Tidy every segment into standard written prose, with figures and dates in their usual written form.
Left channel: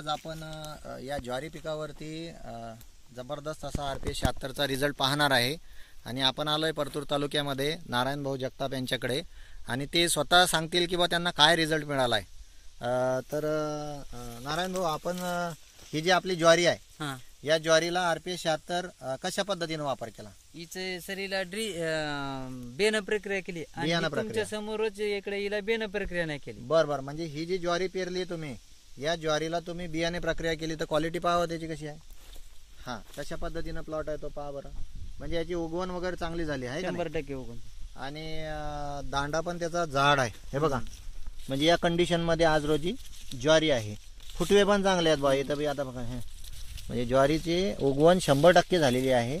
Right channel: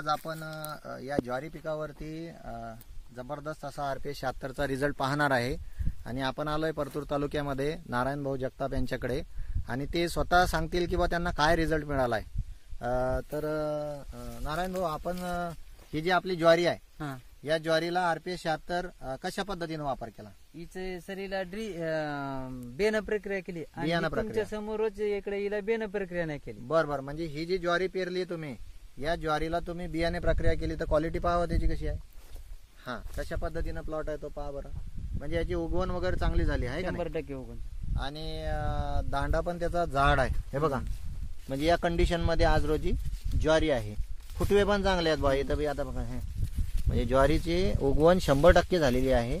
आज आपण या ज्वारी पिकावरती जबरदस्त असा RPS 76चा रिझल्ट पाहणार आहे आणि आपण आलोय परतूर तालुक्यामध्ये नारायण भाऊ जगताप यांच्याकडे आणि ते स्वतः सांगतील की बा त्यांना काय रिझल्ट मिळाला आहे। तर नारायण भाऊ, आपण ही जी आपली ज्वारी आहे या ज्वारीला RPS 76 कशा पद्धतीने वापर केला? हिचे सरीला बेन प्रक्रिया केली आणि तुमच्या समोरच इकडे हिला बेन प्रक्रिया नाही केली। बरोबर, म्हणजे ही जी ज्वारी पेरली तुम्ही या ज्वारीला तुम्ही बियाणे प्रक्रिया केली तर क्वालिटी पाहावं त्याची कशी आहे। हा, कशा पद्धतीने प्लॉट आहे तो पहा बरं, म्हणजे याची उगवण वगैरे चांगली झाली आहे 100% उगवण आणि दांडा पण त्याचा जाड आहे हे बघा। म्हणजे या कंडिशन मध्ये आज रोजी ज्वारी आहे, फुटवे पण चांगले आहेत बा इथं बी। आता बघा हे म्हणजे ज्वारीची उगवण 100% झालेली आहे,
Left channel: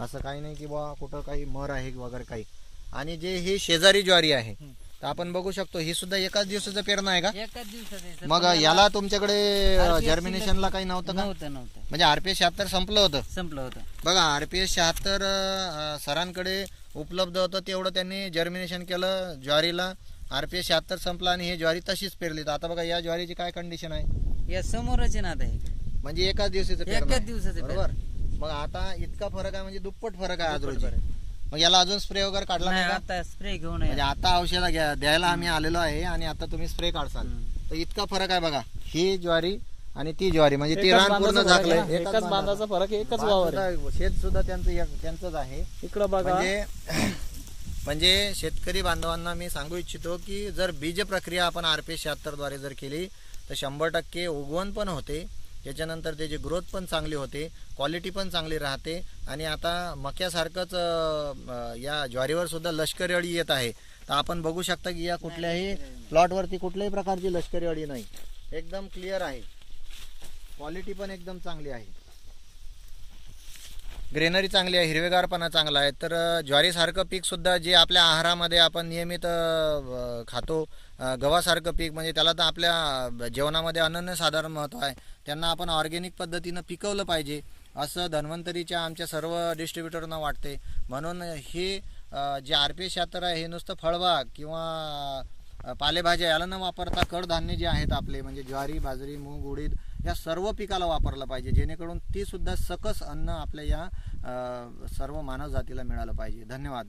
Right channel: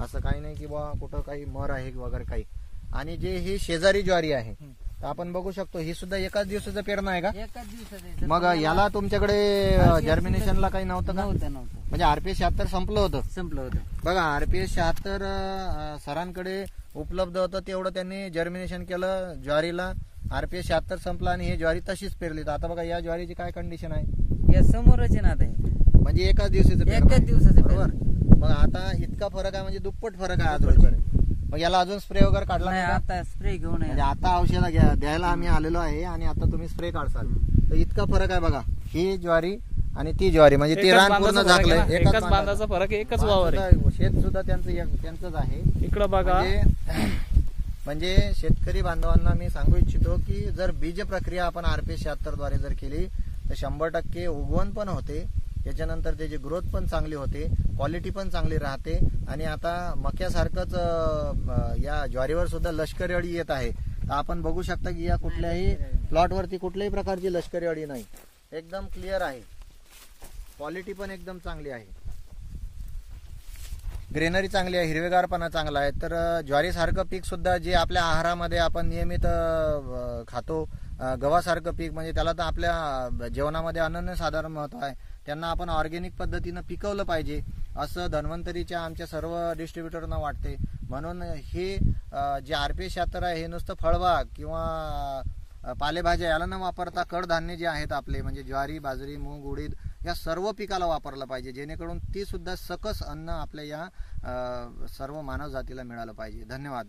असं काही नाही की बा कुठं काही मर आहे वगैरे काही। आणि जे ही शेजारी ज्वारी आहे तर आपण बघू शकतो ही सुद्धा एकाच दिवसाचं पेरणं आहे का? एकाच दिवसात। मग याला तुमच्याकडे जर्मिनेशनला काही नव्हतं का? नव्हतं म्हणजे RPS 76 संपलं होतं बघा। RPS 76 सरांकडे उपलब्ध होतं तेवढं त्यांनी जर्मिनेशन केलं ज्वारीला। RPS 76 संपला आणि ही ज्वारी तशीच पेरली। तर आता बघा या ज्वारीची काय कंडिशन आहे, या समोरच नाद आहे, म्हणजे एकाच दिवसाचं बरोबर। मग आता इतका फरक आहे, म्हणजे दुप्पट फरक आहे आज रोजी। मग याला अजून स्प्रे वगैरे काढला नाही? आता स्प्रे घेऊन म्हणजे आता औषध द्यायला आम्ही आलेलो आहे आणि आता तुम्ही स्प्रे काढसाल तर इतका फरक आहे बघा। ही ज्वारी आणि ती ज्वारी म्हणजे ती एकाच बांधाचा फरक, एकच वावर आहे। शेत सुद्धा त्यांचंच आहे इकडं बघा। म्हणजे शेतकरी बांधवांना मी सांगू इच्छितो की जर बीज प्रक्रिया आपण RPS 76 द्वारे जर केली तर 100% उगवण पण होते, त्याच्यानंतर त्याची ग्रोथ पण चांगली होते, क्वालिटी पण चांगली राहते। आणि आता मक्यासारखंच या ज्वारीवर सुद्धा लष्करी अळी येत आहे। तर आपण बघू शकता की या कुठल्याही प्लॉटवरती कुठल्याही प्रकारची लष्करी अळी नाही, एकदम क्लिअर आहे, क्वालिटी पण एकदम चांगली आहे, ग्रेनरी चांगली आहे, हिरवेगारपणा चांगला आहे। तर ज्वारीसारखं पीक सुद्धा जे आपल्या आहारामध्ये आपण नियमित खातो, गव्हासारखं पीक म्हणजे त्याला तर आपल्या जेवणामध्ये अनन्यसाधारण महत्त्व आहे, त्यांना आपण ऑर्गॅनिक पद्धतीनं पिकवलं पाहिजे असं धन्वंतरीच्या आमच्या सर्व डिस्ट्रीब्युटरना वाटते। म्हणून हे जे RPS 76 आहे हे नुसतं फळबाग किंवा पालेभाज्या याला न वापरता कडधान्य जे आहेत आपले म्हणजे ज्वारी, बाजरी, मूग, उडीद या सर्व पिकाला वापरलं पाहिजे, जेणेकरून ती सुद्धा सकस अन्न आपल्या या सर्व मानव जातीला मिळालं पाहिजे। धन्यवाद।